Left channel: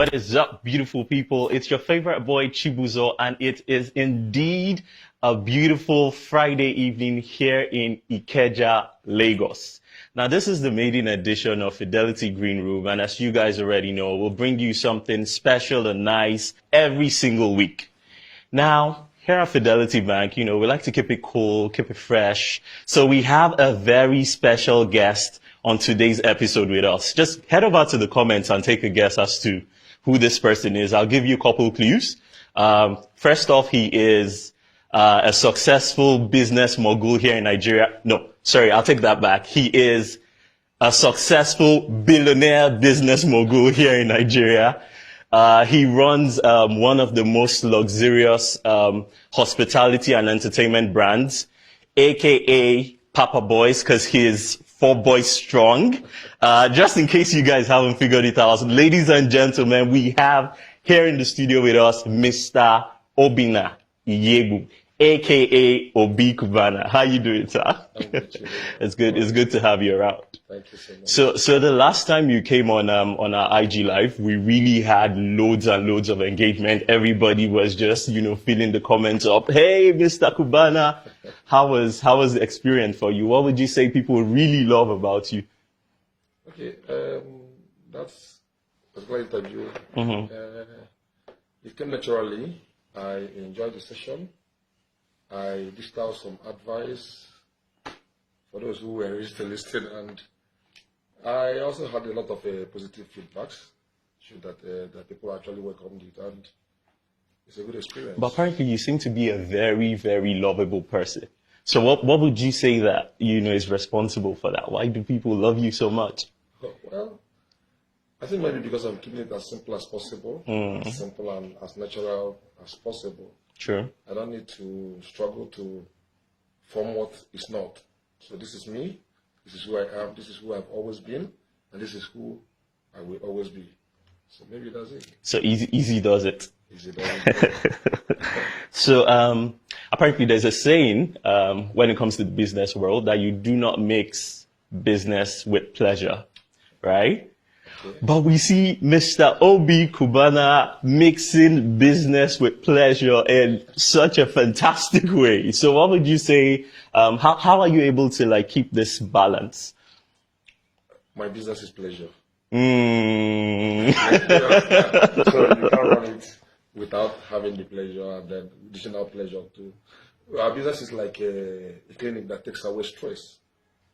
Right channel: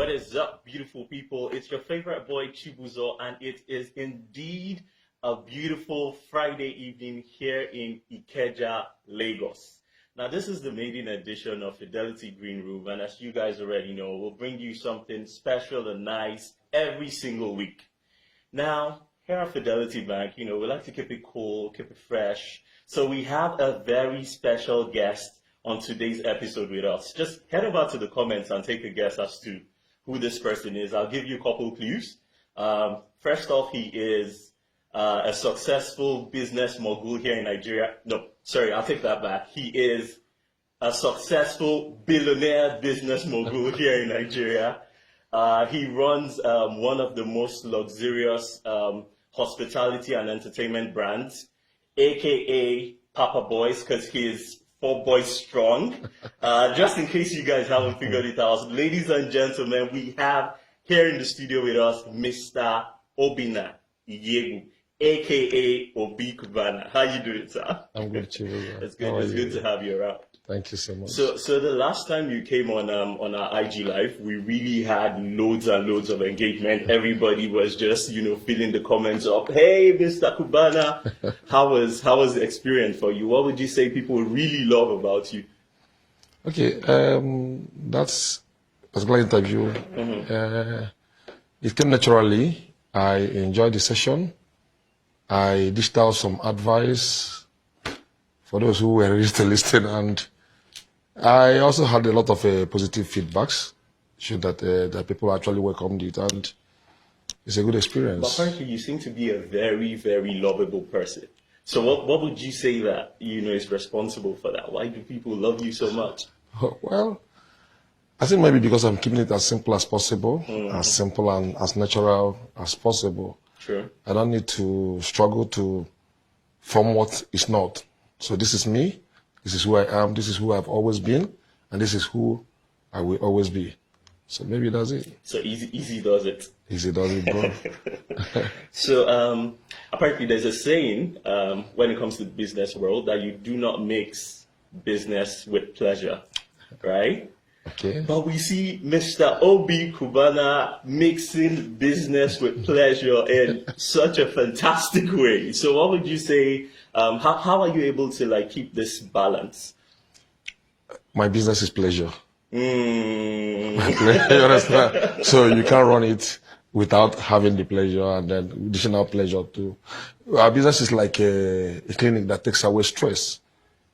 What is up, beautiful people? It's your favorite boy, Chibuzo, and it is indeed a beautiful Friday evening here in Ikeja, Lagos. Now, this is the maiden edition of Fidelity Green Room, and as you guys already know, we'll bring you something special and nice every single week. Now, here at Fidelity Bank, we like to keep it cool, keep it fresh. So we have a very special guest on today's episode with us. Just head over to the comments and take a guess as to who this person is. I'll give you a couple clues. First off, he is a successful business mogul here in Nigeria. No, sorry, I'll take that back. He is a successful billionaire business mogul here in Nigeria. He runs one of the most luxurious hospitality and entertainment brands, aka Papa Boys, because he is 4 boys strong. Just in case you guys haven't figured it out, ladies and gentlemen, we have here in the studio with us Mr. Obinna Iyebu, aka Obi Cubana. How you doing, sir? I'm good too. It's good. It's good to have you around. Thank you so much. So the last time you came on our IG live, we really had loads and loads of engagement. Everybody was just filling the comments up. Hey, Mr. Cubana, how was the experience for you? What would you say people really love about you? Okay, that's a great interview. It came naturally. I enjoyed the session. I dished out some advice for those who were ready to listen, and I also had a lot of positive feedbacks, showed that people actually welcomed it, and it's a good experience. But apparently, you seem to be a very, very lovable person. So, what would you say that is responsible for that? Why do people love you so much? Well, I think maybe because I'm keeping it as simple as possible, as simple and as natural as possible. Sure. I don't need to struggle to form what is not. So this is me, this is who I am, this is who I've always been, and this is who I will always be. So maybe that's it. So easy does it. Easy does it, bro. So apparently there's a saying when it comes to the business world that you do not mix business with pleasure, right? Okay. But we see Mr. Obi Cubana mixing business with pleasure in such a fantastic way. So what would you say, how are you able to keep this balance? My business is pleasure. You understand? So you can't run it without having the pleasure and then additional pleasure too. Our business is like a clinic that takes away stress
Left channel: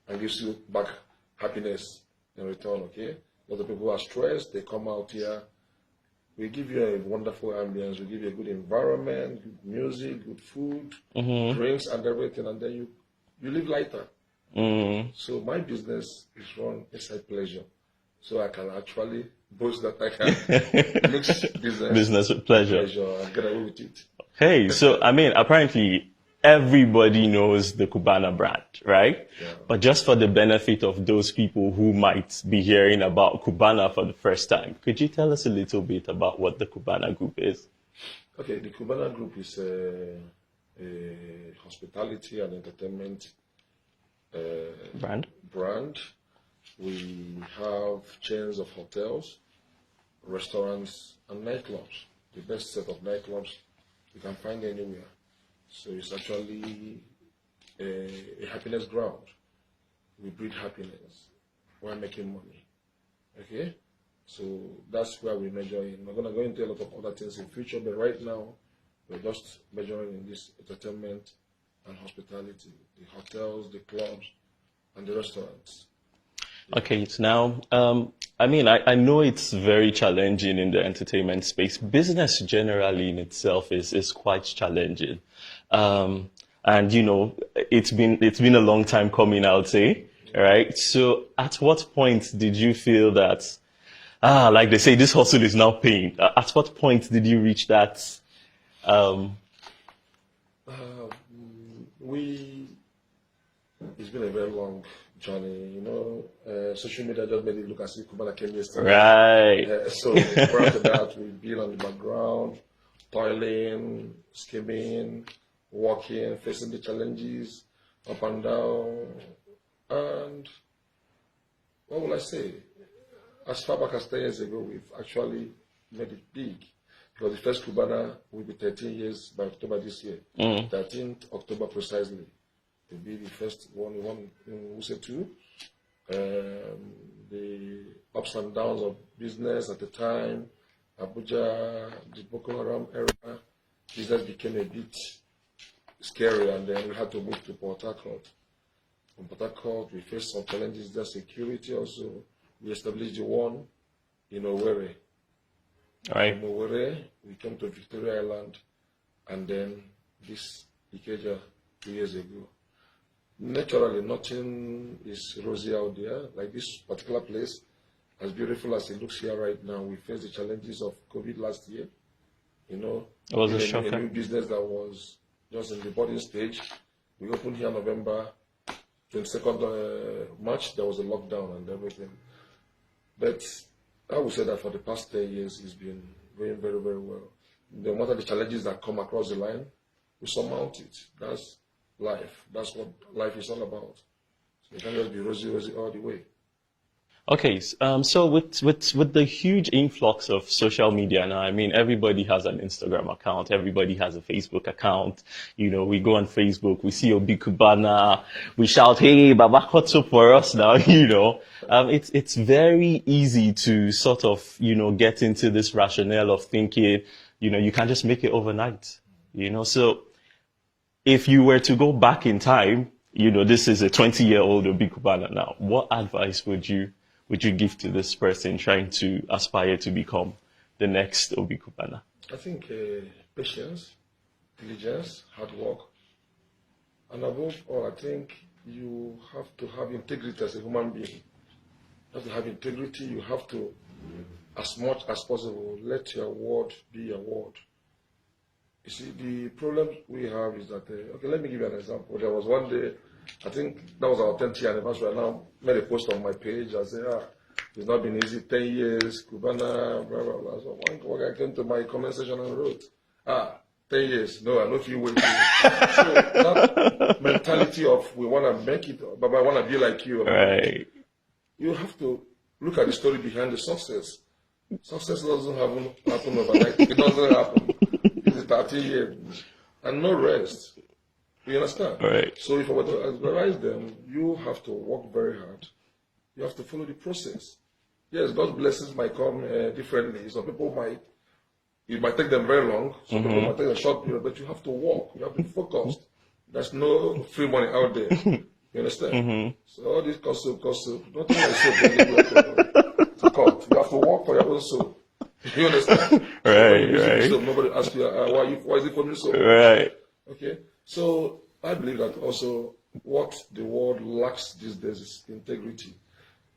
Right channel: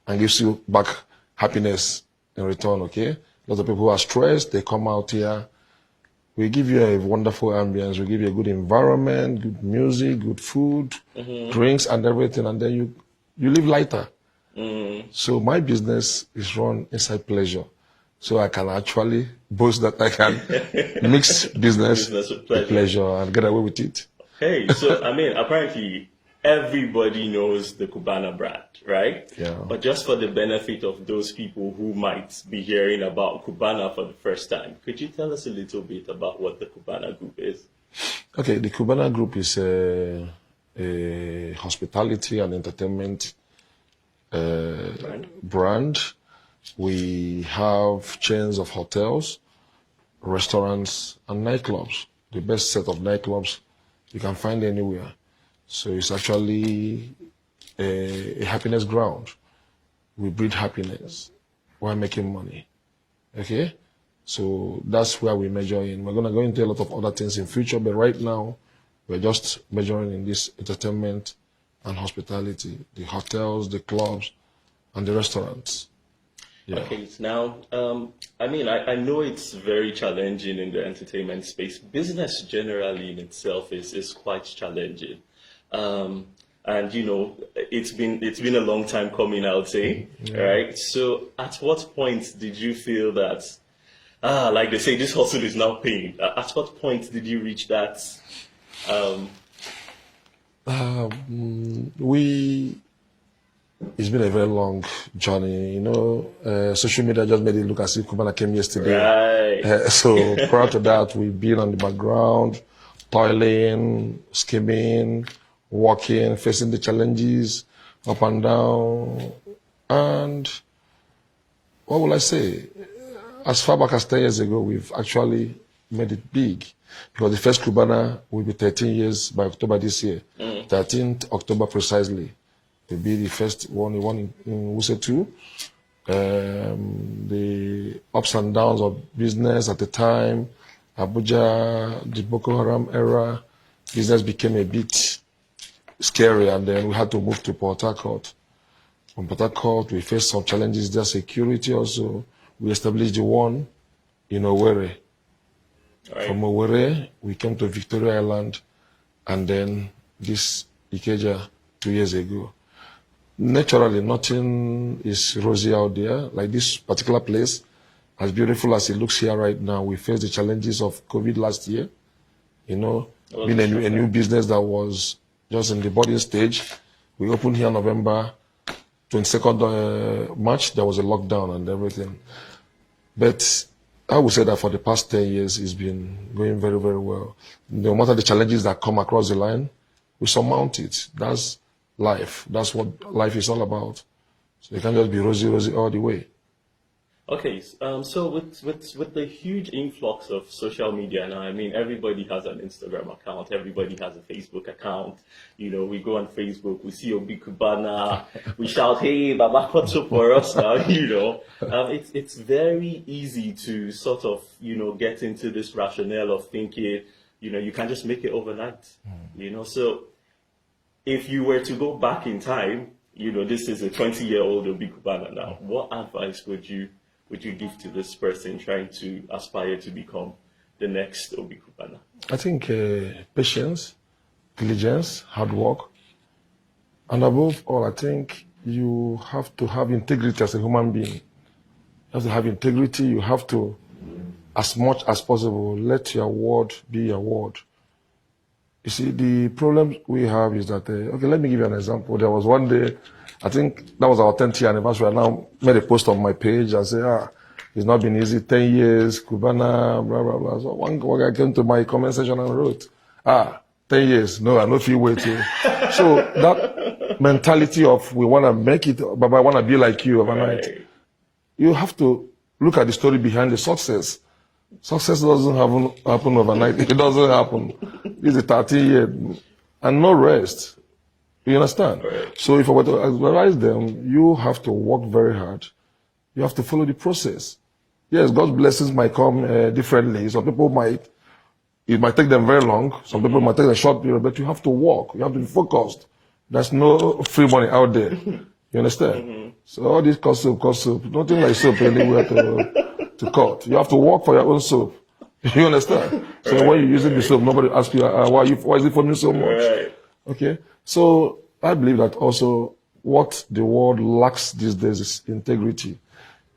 and gives you back happiness in return, okay? A lot of people who are stressed, they come out here. We give you a wonderful ambience. We give you a good environment, good music, good food, drinks and everything. And then you live lighter. So my business is run inside pleasure. So I can actually boast that I can mix business with pleasure and get away with it. Hey, so apparently everybody knows the Cubana brand, right? Yeah. But just for the benefit of those people who might be hearing about Cubana for the first time, could you tell us a little bit about what the Cubana Group is? Okay, the Cubana Group is a hospitality and entertainment brand. We have chains of hotels, restaurants, and nightclubs. The best set of nightclubs you can find anywhere. So it's actually a happiness ground. We breed happiness while making money. Okay? So that's where we measure in. We're going to go into a lot of other things in future, but right now we're just measuring in this entertainment and hospitality, the hotels, the clubs, and the restaurants. Yeah. Okay, so now, I know it's very challenging in the entertainment space. Business generally in itself is quite challenging. And it's been a long time coming, I would say, right? So at what point did you feel that, like they say, this hustle is now paying? At what point did you reach that? It's been a very long journey, social media just made it look as if Cubana came yesterday. Right. So prior to that, we've been on the background, toiling, scheming, working, facing the challenges, up and down. And what will I say? As far back as 10 years ago, we've actually made it big. Because the first cubana will be 13 years by October this year. 13th October precisely. To be the first one in Wuse 2. The ups and downs of business at the time, Abuja, the Boko Haram era, business became a bit scary, and then we had to move to Port Harcourt. From Port Harcourt, we faced some challenges there, security also. We established the one in Owerri. Right. From Owerri, we came to Victoria Island, and then this Ikeja 2 years ago. Naturally, nothing is rosy out there. Like this particular place, as beautiful as it looks here right now, we faced the challenges of COVID last year. You know, being a new business that was just in the budding stage. We opened here November 22nd March. There was a lockdown and everything. But I would say that for the past 10 years, it's been going very, very well. No matter the challenges that come across the line, we surmount it. That's life. That's what life is all about. So you can't just be rosy, rosy all the way. Okay, so with the huge influx of social media now, I mean, everybody has an Instagram account, everybody has a Facebook account. You know, we go on Facebook, we see Obi Cubana, we shout, "Hey, Baba, what's up for us now?" You know, it's very easy to sort of, you know, get into this rationale of thinking, you know, you can't just make it overnight. You know, so if you were to go back in time, you know, this is a 20-year-old Obi Cubana now. What advice would you give to this person trying to aspire to become the next Obi Cubana? I think patience, diligence, hard work, and above all, I think you have to have integrity as a human being. You have to have integrity. You have to, as much as possible, let your word be your word. You see, the problem we have is that, okay, let me give you an example. There was one day, I think that was our 10th year anniversary. I now made a post on my page and say, it's not been easy, 10 years, Cubana, blah, blah, blah. So one guy came to my comment section and wrote, 10 years, no, I don't feel waiting. So that mentality of we want to make it, but I want to be like you overnight. Right. You have to look at the story behind the success. Success doesn't happen overnight. It doesn't happen. It's a 30-year and no rest. You understand? Right. So if I were to advise them, you have to work very hard. You have to follow the process. Yes, God's blessings might come differently. Some people it might take them very long. Some people might take a short period, but you have to work. You have to be focused. There's no free money out there. You understand? So all this cost soap, nothing like soap anywhere to cut. You have to work for your own soap. You understand? So when you're using the soap, nobody asks you, why is it for me so much? Right. Okay? So I believe that also what the world lacks these days is integrity.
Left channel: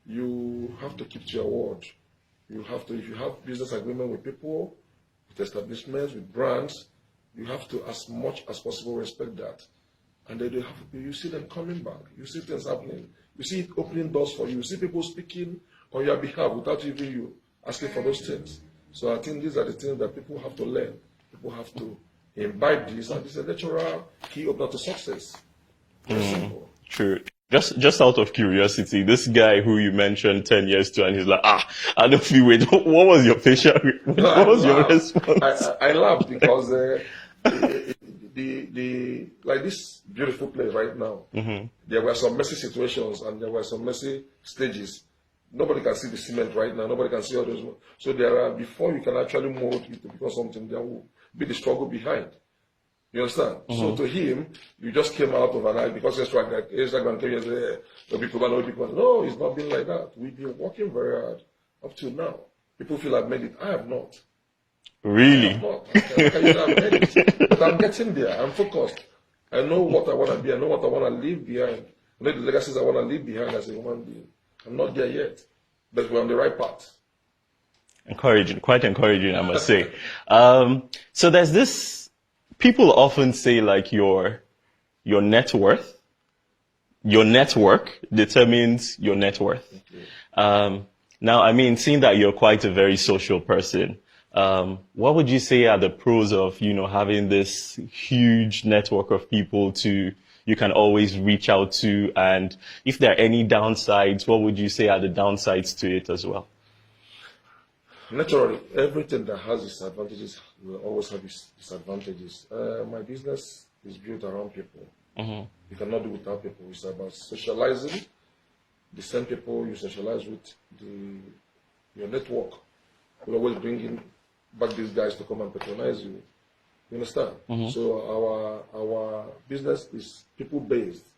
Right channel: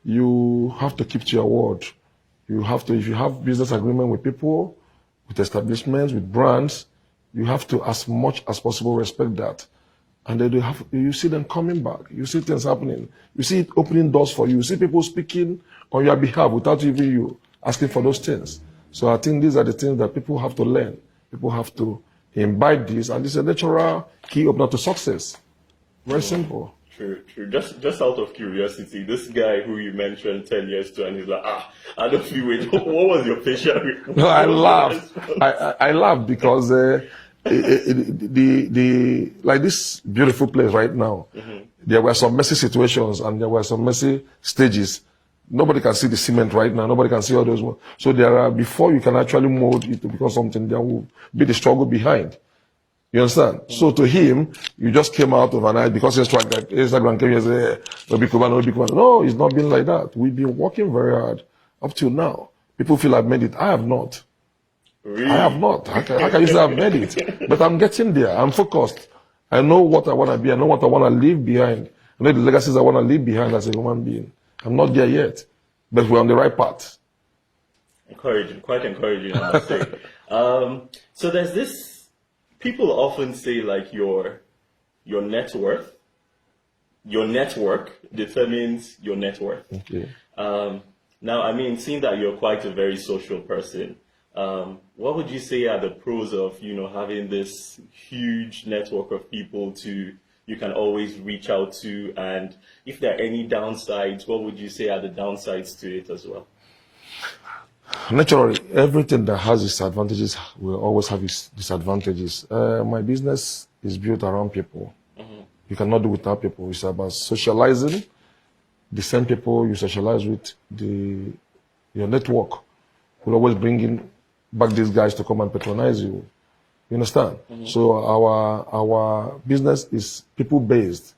You have to keep to your word. You have to, if you have business agreement with people, with establishments, with brands, you have to, as much as possible, respect that. And then you see them coming back. You see things happening. You see it opening doors for you. You see people speaking on your behalf without even you asking for those things. So I think these are the things that people have to learn. People have to imbibe this, and this is a natural key opener to success. Very simple. True. Just out of curiosity, this guy who you mentioned 10 years to, and he's like, I don't feel wait. What was your facial? I laughed because like this beautiful place right now, there were some messy situations and there were some messy stages. Nobody can see the cement right now. Nobody can see all those. So there are, before you can actually mold it to become something, there will be the struggle behind. You understand? So to him, you just came out of an eye because Instagram came here and said, Obi Cubana. No, it's not been like that. We've been working very hard up till now. People feel I've made it. I have not. Really? I have not. How can you say I've made it? But I'm getting there. I'm focused. I know what I want to be. I know what I want to leave behind. I know the legacies I want to leave behind as a human being. I'm not there yet, but we're on the right path. Encouraging, quite encouraging, I must say. So there's this, people often say like your net worth, your network determines your net worth. Okay. Now, I mean, seeing that you're quite a very social person, what would you say are the pros of, having this huge network of people you can always reach out to? And if there are any downsides, what would you say are the downsides to it as well? Naturally, everything that has its advantages will always have its disadvantages. My business is built around people. You cannot do without people. It's about socializing. The same people you socialize with, your network will always bring in back these guys to come and patronize you. You understand? So our business is people based.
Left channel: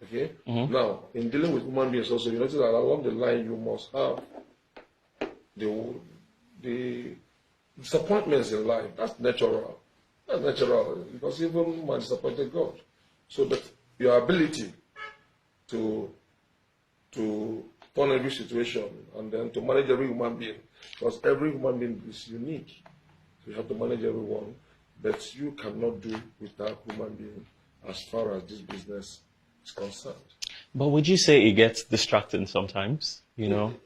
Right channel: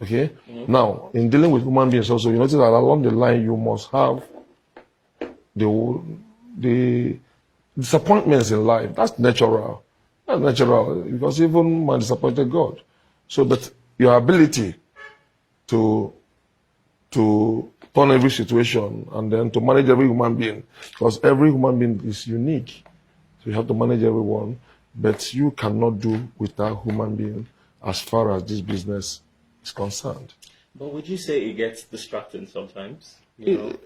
Okay. Now, in dealing with human beings, also you notice that along the line you must have the disappointments in life. That's natural. That's natural because even man disappointed God. So that your ability to turn every situation and then to manage every human being, because every human being is unique. So you have to manage everyone, but you cannot do without human being as far as this business is concerned. But would you say it gets distracting sometimes? You know,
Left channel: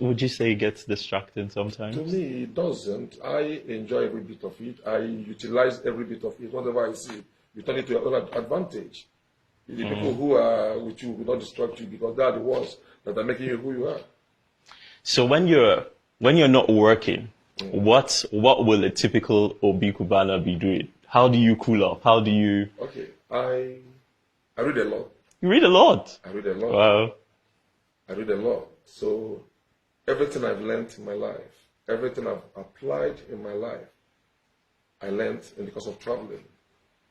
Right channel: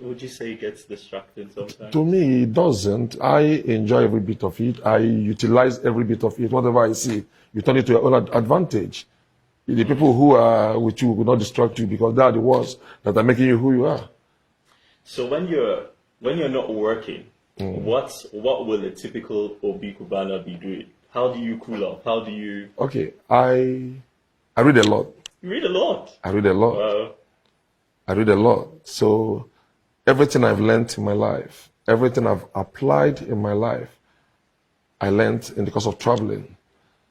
would you say it gets distracting sometimes? To me, it doesn't. I enjoy every bit of it. I utilize every bit of it. Whatever I see, you turn it to your own advantage. The people who are with you will not distract you because they are the ones that are making you who you are. So when you're not working, what will a typical Obi Cubana be doing? How do you cool off? How do you? Okay, I read a lot. You read a lot. I read a lot. Wow. I read a lot. So everything I've learned in my life, everything I've applied in my life, I learned in the course of traveling.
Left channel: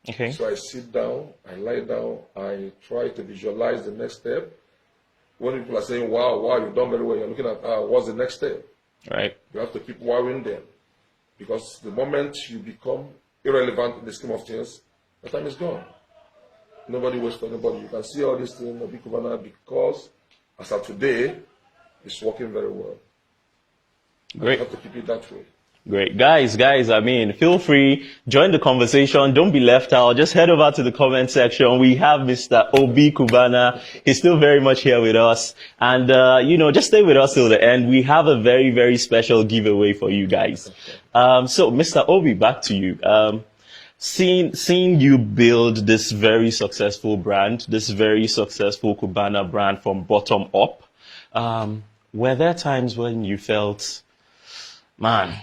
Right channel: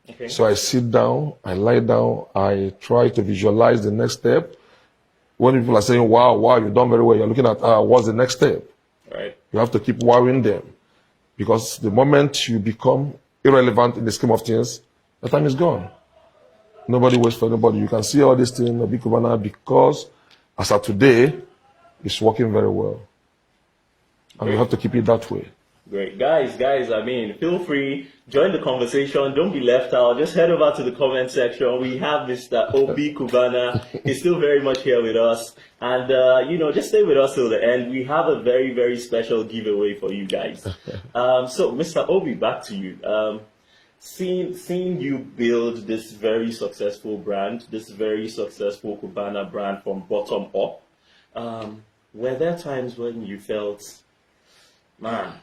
Okay. So I sit down, I lie down, I try to visualize the next step. When people are saying, wow, you've done very well, you're looking at, what's the next step? Right. You have to keep wowing them. Because the moment you become irrelevant in the scheme of things, the time is gone. Nobody waits for nobody. You can see all these things, a big cubana, because as of today, it's working very well. And you have to keep it that way. Great. Guys, I mean, feel free, join the conversation. Don't be left out. Just head over to the comment section. We have Mr. Obi Cubana. He's still very much here with us. And, just stay with us till the end. We have a very, very special giveaway for you guys. So, Mr. Obi, back to you. Seeing you build this very successful brand, this very successful Cubana brand from bottom up, were there times when you felt, man,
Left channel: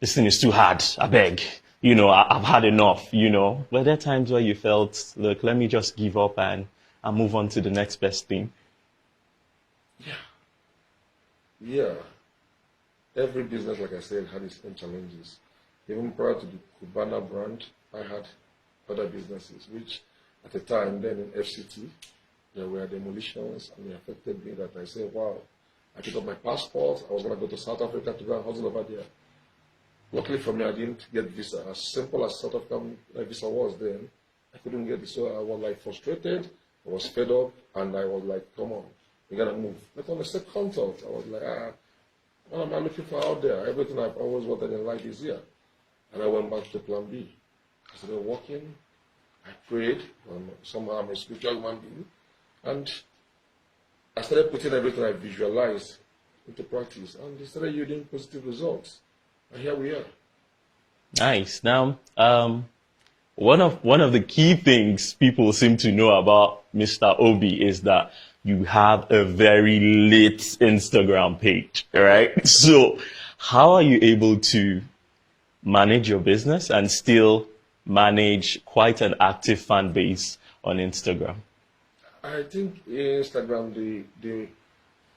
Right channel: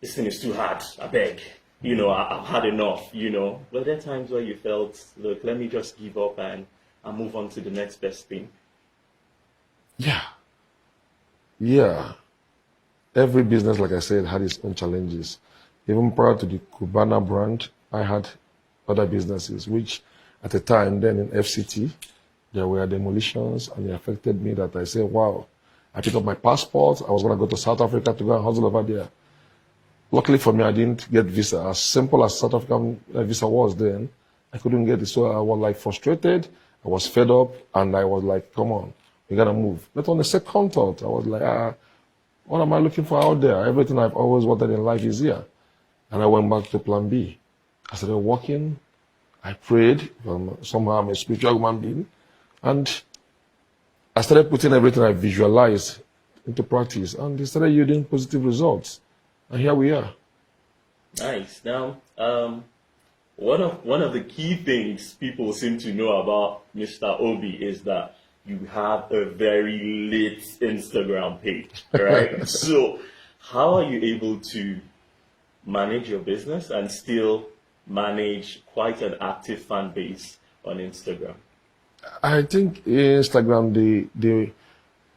this thing is too hard, I beg, I've had enough, Were there times where you felt, look, let me just give up and move on to the next best thing? Yeah. Every business, like I said, had its own challenges. Even prior to the Cubana brand, I had other businesses, which at the time then in FCT, there were demolitions and it affected me that I said, wow, I picked up my passport. I was going to go to South Africa to go and hustle over there. Luckily for me, I didn't get visa. As simple as South African visa was then, I couldn't get it. So I was like frustrated. I was fed up and I was like, come on, we got to move. But on the second thought, I was like, what am I looking for out there? Everything I've always wanted in life is here. And I went back to plan B. I started walking. I prayed. Somehow I'm a spiritual human being. And I started putting everything I visualized into practice. And it started yielding positive results. And here we are. Nice. Now, one of the key things people seem to know about Mr. Obi is that you have a very lit Instagram page, right? So how are you able to manage your business and still manage quite an active fan base on Instagram? I think Instagram,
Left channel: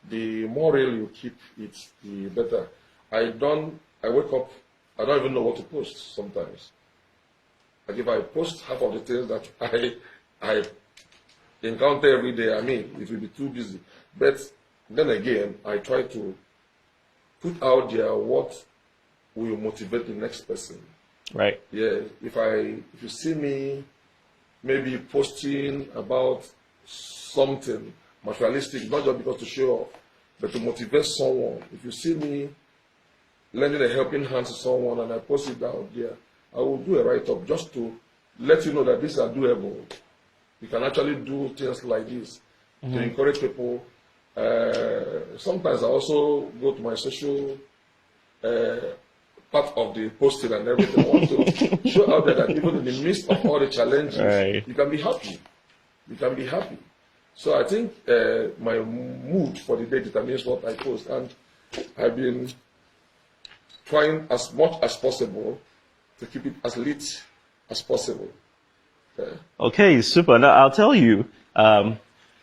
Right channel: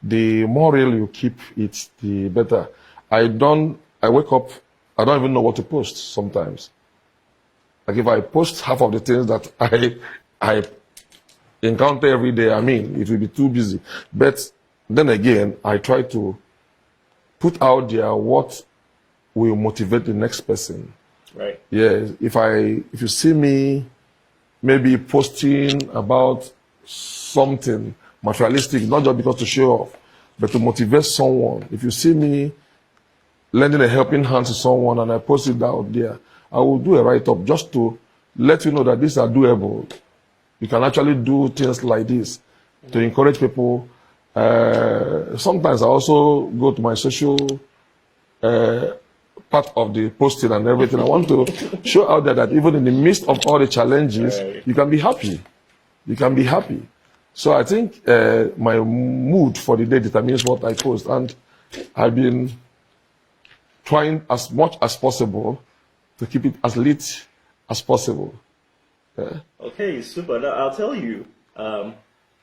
the more real you keep it, the better. I wake up, I don't even know what to post sometimes. Like if I post half of the things that I encounter every day, it will be too busy. But then again, I try to put out there what will motivate the next person. Right. Yeah. If you see me maybe posting about something materialistic, not just because to show off, but to motivate someone. If you see me lending a helping hand to someone and I post it out there, I will do a write-up just to let you know that these are doable. You can actually do things like this to encourage people. Sometimes I also go to my social part of the posting and everything. I want to show out there that even in the midst of all the challenges, you can be happy. You can be happy. So I think my mood for the day determines what I post. And I've been trying as much as possible to keep it as lit as possible. Okay, super. Now I'll tell you,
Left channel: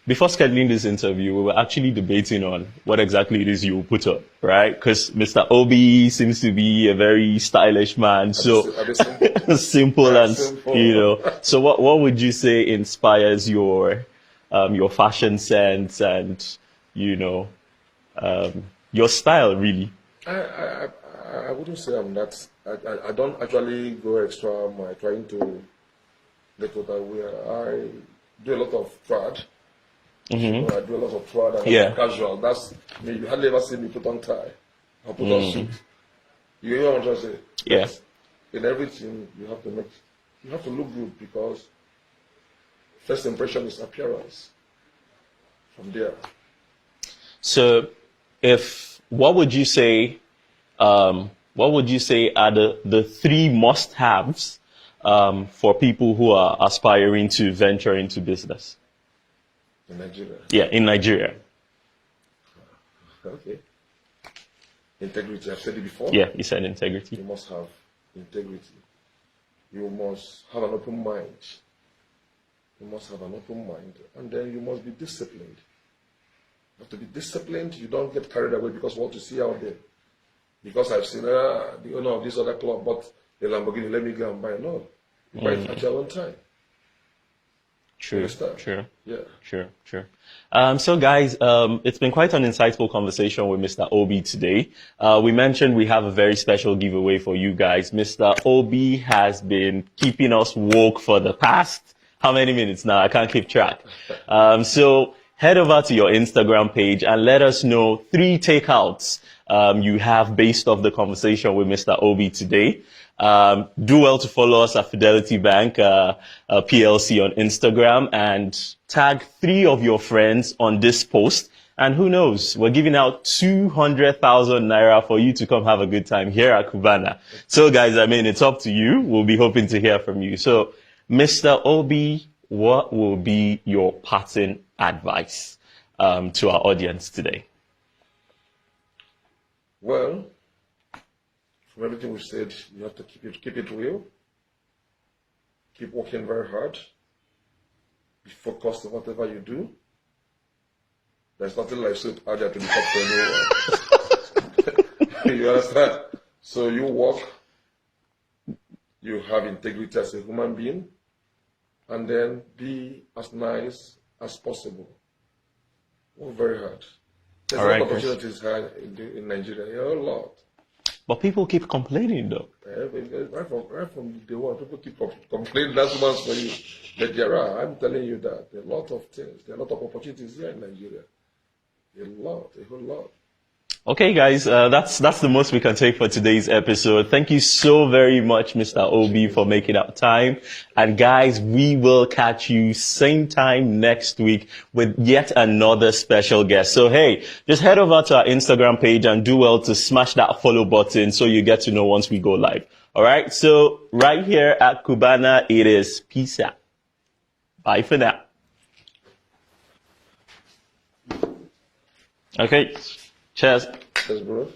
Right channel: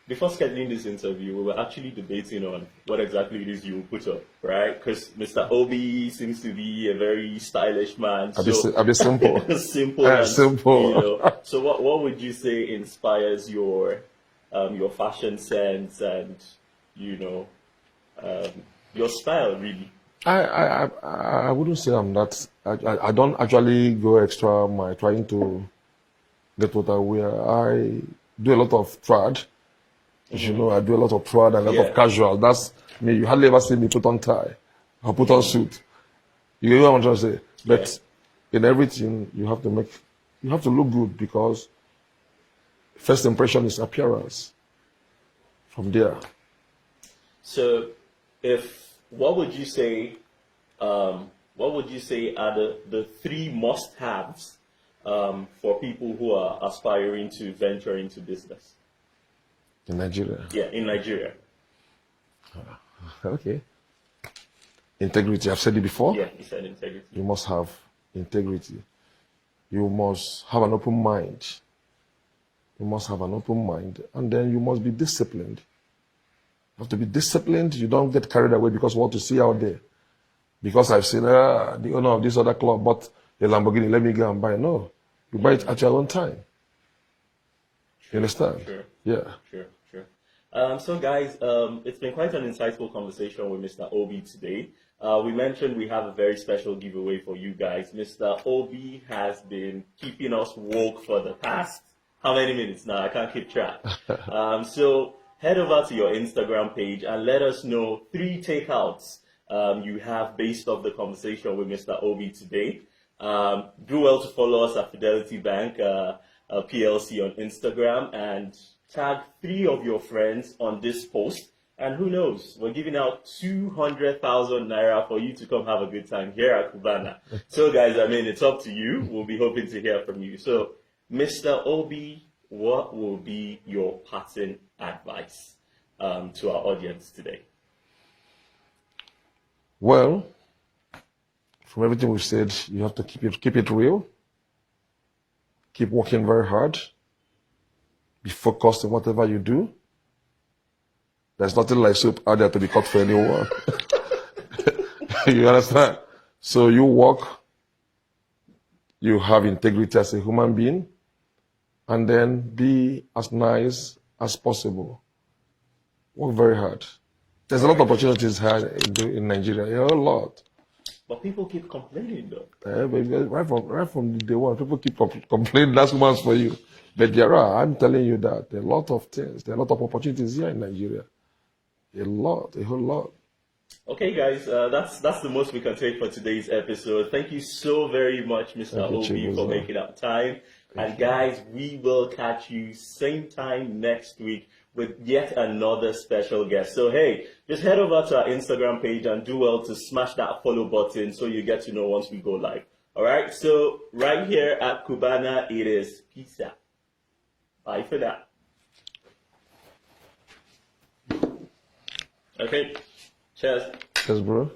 before scheduling this interview, we were actually debating on what exactly it is you will put up, right? Because Mr. Obi seems to be a very stylish man, so A bit simple. simple and Simple. you know. So what would you say inspires your fashion sense and you know your style really? I wouldn't say I'm that. I don't actually go extra mile trying to get what I wear. I do a lot of trad. You know, I do a lot of trad and a lot of casual. That's me. You hardly ever see me put on tie or put on suit. You know what I'm trying to say? But in everything, you have to look good because first impression is appearance. From there. So, what would you say are the three must-haves for people who are aspiring to venture into business? In Nigeria? Yeah, in Nigeria. Okay. Integrity. I've said it before. Yeah, you said integrity. You must have integrity. You must have an open mind. You must have an open mind. And then you must be disciplined. You have to be disciplined. You don't get carried away because what you see out there. Because I've seen the owner of this other club bought a Lamborghini, let me go and buy. No. You buy it at your own time. True. You understand? Sure. Yeah. Sure. So guys, it's been quite an insightful conversation with Mr. Obi today. We mentioned we have a very special giveaway for you guys. Mr. Obi has been keeping us woke for the past, how many minutes now? I can't keep track. So head over to your Instagram page and let us know 3 takeouts you have based off the conversation with Mr. Obi today. Do well to follow us at Fidelity Bank PLC on Instagram and tag 3 of your friends on this post. And who knows, we're giving out 200,000 naira for you to come have a good time here at Cubana. So guys, I mean, it's up to you. We'll be hoping to hear from you. So Mr. Obi, what will be your parting advice to our audience today? Well, from everything we've said, you have to keep it real. Keep working very hard. Be focused on whatever you do. There's nothing like soup out there to be cut for anyone. You understand? So you work, you have integrity as a human being, and then be as nice as possible. Work very hard. There's a lot of opportunities here in Nigeria, a lot. But people keep complaining though. Right from day one, people keep complaining, that's once for you. But I'm telling you that there are a lot of things, there are a lot of opportunities here in Nigeria. A whole lot. Okay, guys, that's the most we can take for today's episode. Thank you so very much, Mr. Obi, for making up time. And guys, we will catch you same time next week with yet another special guest. So hey, just head over to our Instagram page and do well to smash that follow button so you get to know once we go live. All right, so right here at Cubana, it is peace out. Bye for now. Okay. Cheers. Cheers, bro.